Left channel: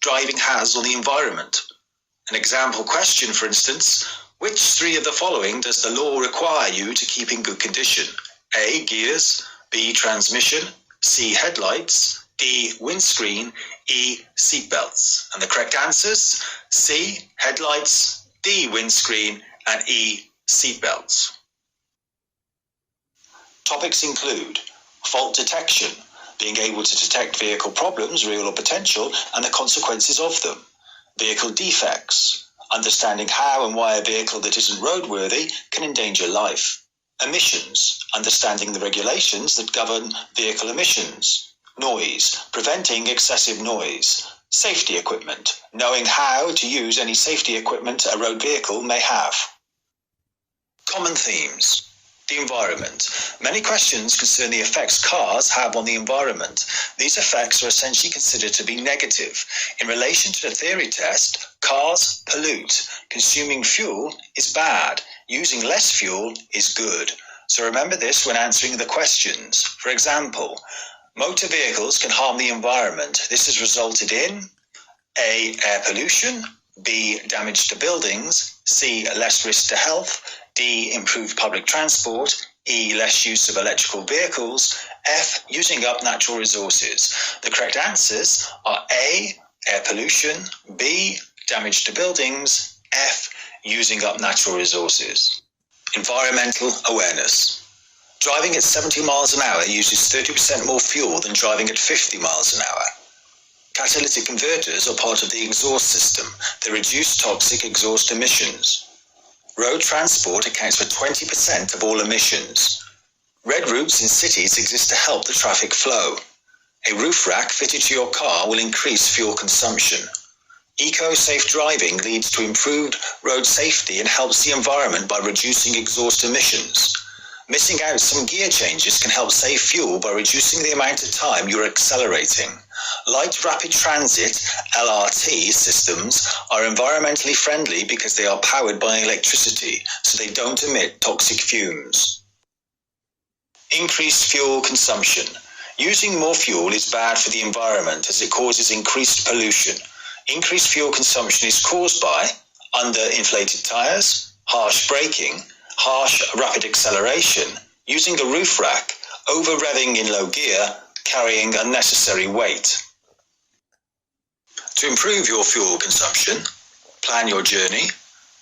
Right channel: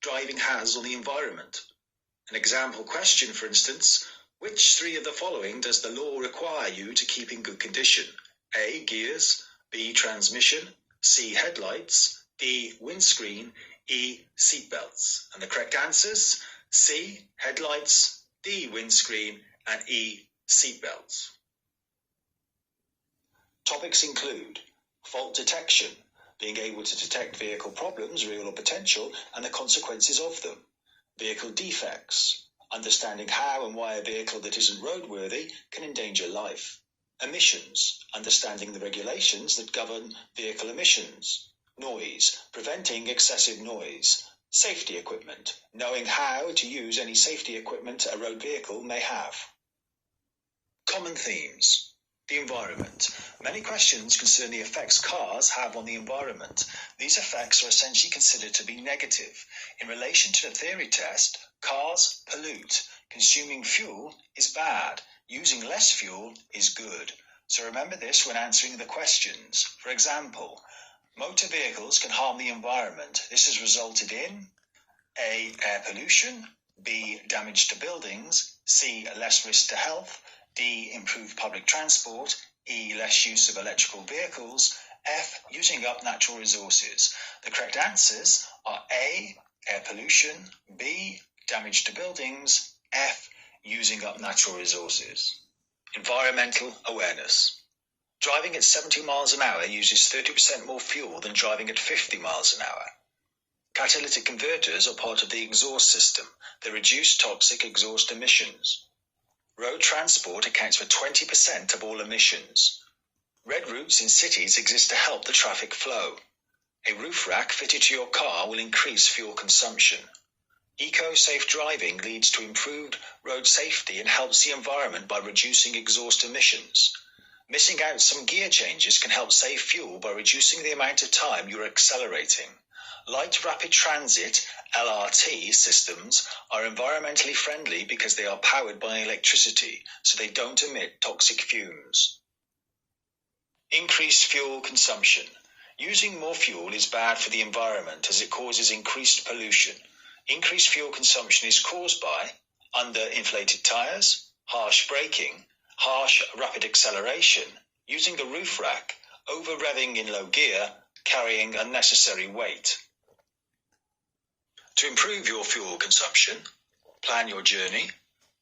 driving has on the environment. An example question, for instance, which three of the following does the law require you to keep in good condition? A. Gears, B. Transmission, C. Headlights, D. Windscreen, E. Seatbelts. And the correct answers: C. Headlights, D. Windscreen, and E. Seatbelts. Topics include fault detection, being able to detect vehicle problems, real or potential, and the consequences of them. Vehicle defects, understanding how and why a vehicle that isn't roadworthy can endanger life. Emissions, understanding the regulations that govern vehicle emissions. Noise, preventing excessive noise. Safety equipment, knowing how to use any safety equipment a road vehicle may have. Common themes. The environment. Many questions concern the effects cars have on the environment. These effects are essentially considered to be negative. In relation to the theory test, cars pollute. Consuming fuel is bad. Using less fuel is good. So remember this when answering the questions. For example, motor vehicles can harm the environment. This has resulted in A. Air pollution, B. Damage to buildings, C. Less risk to health, D. Improved public transport, E. Less use of electrical vehicles, F. Using up natural resources. The correct answers are A. Air pollution, B. Damage to buildings, F. Using up natural resources. Environmental awareness. Driving at 70 miles an hour uses 30% more fuel than driving at 50 miles an hour. Catalytic converters are part of the exhaust system. They reduce toxic exhaust emissions. Road transport accounts for 20% of all emissions. Red routes in cities exist to help the traffic flow. A roof rack fitted to your car will increase fuel consumption. Eco-safe driving leads to improved road safety and helps the environment by reducing exhaust emissions. Missing out some gear changes can help save fuel by reducing the amount of time you're accelerating. Light rapid transit (LRT) systems are environmentally friendly because they are powered by electricity, so they don't emit toxic fumes. Increased fuel consumption. Using more fuel is bad for the environment as it causes increased pollution. Increased fuel consumption is caused by underinflated tires, harsh braking, harsh rapid acceleration, using a roof rack, over-revving in low gear, carrying unnecessary weight. To improve your fuel consumption, plan your journey,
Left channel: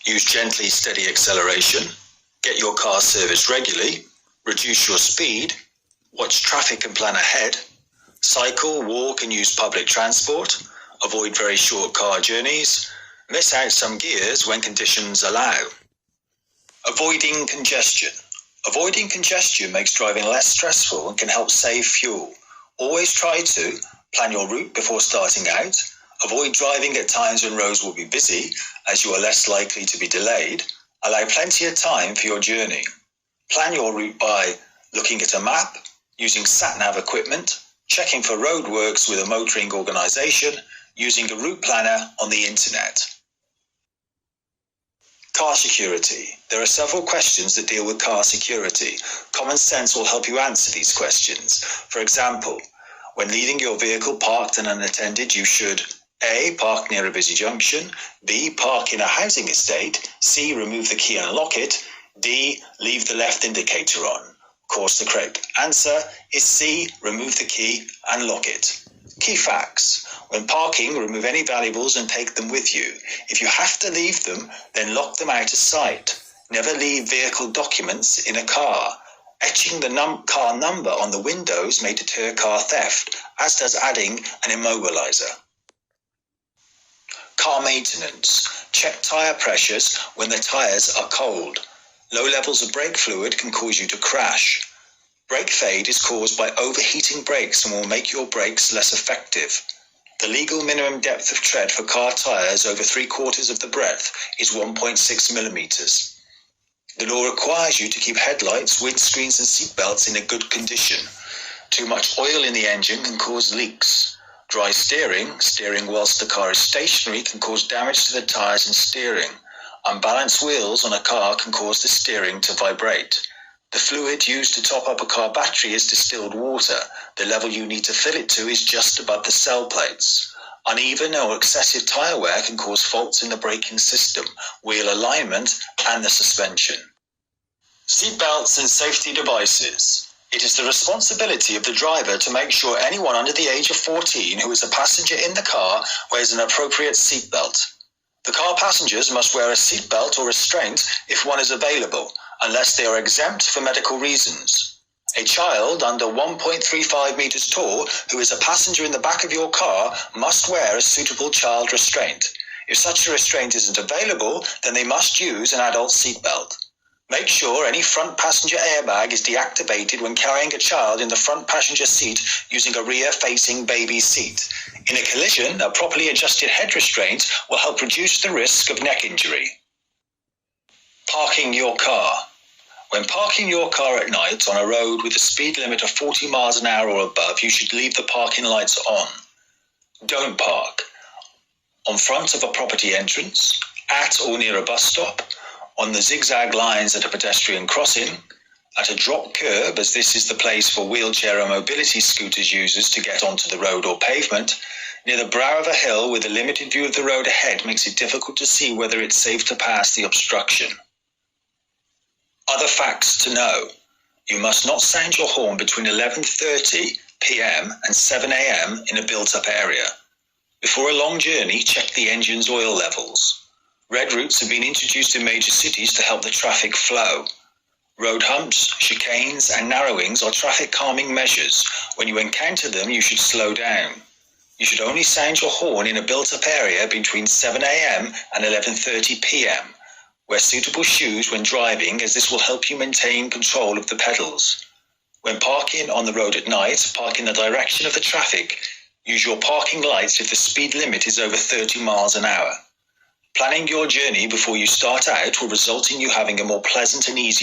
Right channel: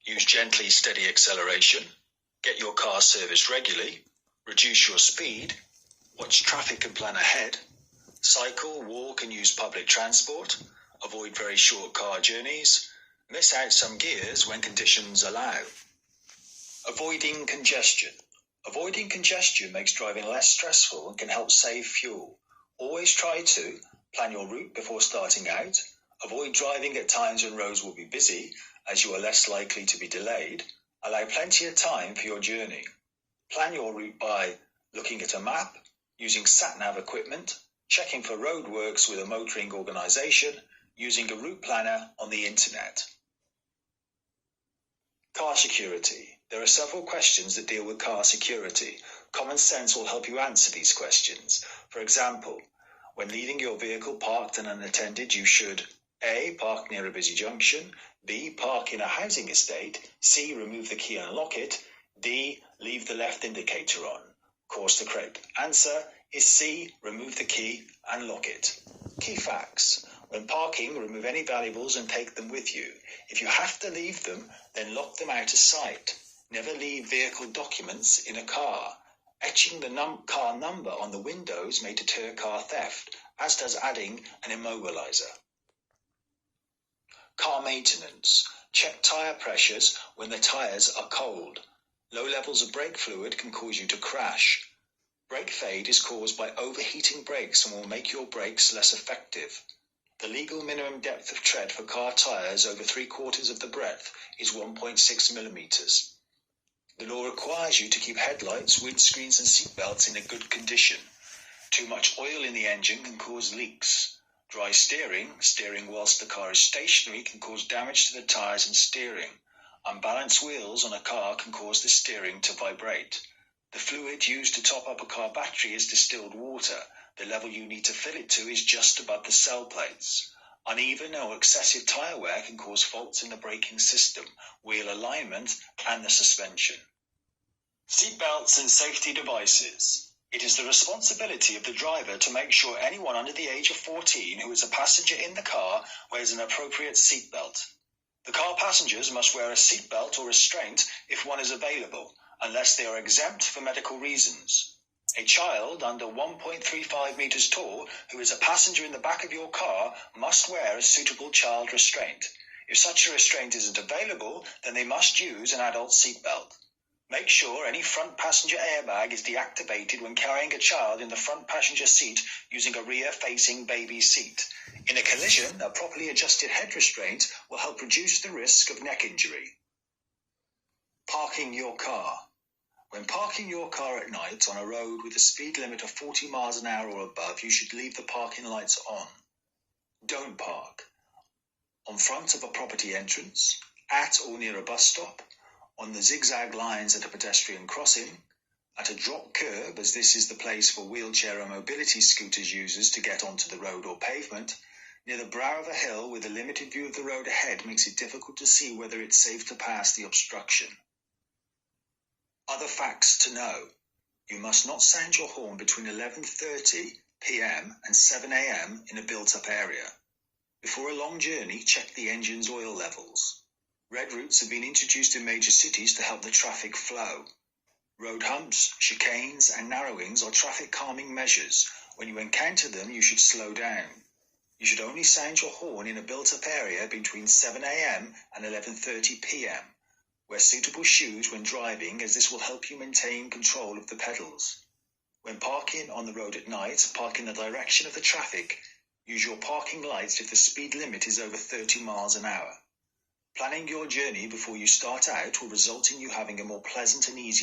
use gently steady acceleration, get your car serviced regularly, reduce your speed, watch traffic and plan ahead, cycle, walk and use public transport, avoid very short car journeys, miss out some gears when conditions allow. Avoiding congestion. Avoiding congestion makes driving less stressful and can help save fuel. Always try to plan your route before starting out. Avoid driving at times when roads will be busy, as you are less likely to be delayed. Allow plenty of time for your journey. Plan your route by looking at a map, using sat-nav equipment, checking for roadworks with a motoring organisation, using a route planner on the internet. Car security. There are several questions that deal with car security. Common sense will help you answer these questions. For example, when leaving your vehicle parked and unattended, you should A. Park near a busy junction, B. Park in a housing estate, C. Remove the key and lock it, D. Leave the left indicator on. Of course, the correct answer is C. Remove the key and lock it. Key facts. When parking, remove any valuables and take them with you. If you have to leave them, then lock them out of sight. Never leave vehicle documents in a car. Etching the car number on the windows may deter car theft, as does adding an immobilizer. Car maintenance. Check tyre pressures when the tyres are cold. Low levels of brake fluid can cause you to crash. Brake fade is caused by overheating brakes and will make your brakes less effective. The legal minimum depth of tread for car tyres over 3/4 of the breadth is 1.6 millimeters. The law requires you to keep headlights, windscreens and seatbelts in a good condition. Too much oil in the engine can cause leaks. Dry steering whilst the car is stationary, can cause damage to the tyres and steering. Unbalanced wheels on a car can cause the steering to vibrate. The fluid used to top up a car battery is distilled water. The level you need to fill it to is just above the cell plates. Uneven or excessive tyre wear can cause faults in the braking system, wheel alignment, and the suspension. Seatbelts and safety devices. It is the responsibility of the driver to make sure anyone under the age of 14 who is a passenger in the car wears an appropriate seatbelt. The car passengers must wear a seatbelt or restraint if one is available, unless they are exempt for medical reasons. A child under 1.35 meters tall who is a passenger in the back of your car must wear a suitable child restraint. If such a restraint isn't available, then they must use an adult seatbelt. Make sure any front passenger airbag is deactivated when carrying a child in the front passenger seat using a rear-facing baby seat. In a collision, a properly adjusted head restraint will help reduce the risk of neck injury. Parking your car. When parking your car at night on a road with a speed limit of 40 miles an hour or above, you should leave the parking lights on. Don't park on front of a property entrance, at or near a bus stop, on the zigzag lines at a pedestrian crossing, at a drop curb, as this is the place for wheelchair or mobility scooters users to get onto the road or pavement, near the brow of a hill with a limited view of the road ahead makes it difficult to see whether it's safe to pass the obstruction. Other facts to know. You must not sound your horn between 11:30 p.m. and 7 a.m. in a built-up area. Before a long journey, check the engine's oil levels. Red routes have been introduced in major cities to help the traffic flow. Road humps, chicanes, and narrowings are traffic calming measures. When you encounter them, you should slow down. You should only sound your horn in a built-up area between 7 a.m. and 11:30 p.m. Wear suitable shoes when driving, as this will help you maintain control of the pedals. When parking on the road at night, park in the direction of the traffic. Use your parking lights if the speed limit is over 30 miles an hour. Planning your journey before you start out will result in you having a more pleasant and easy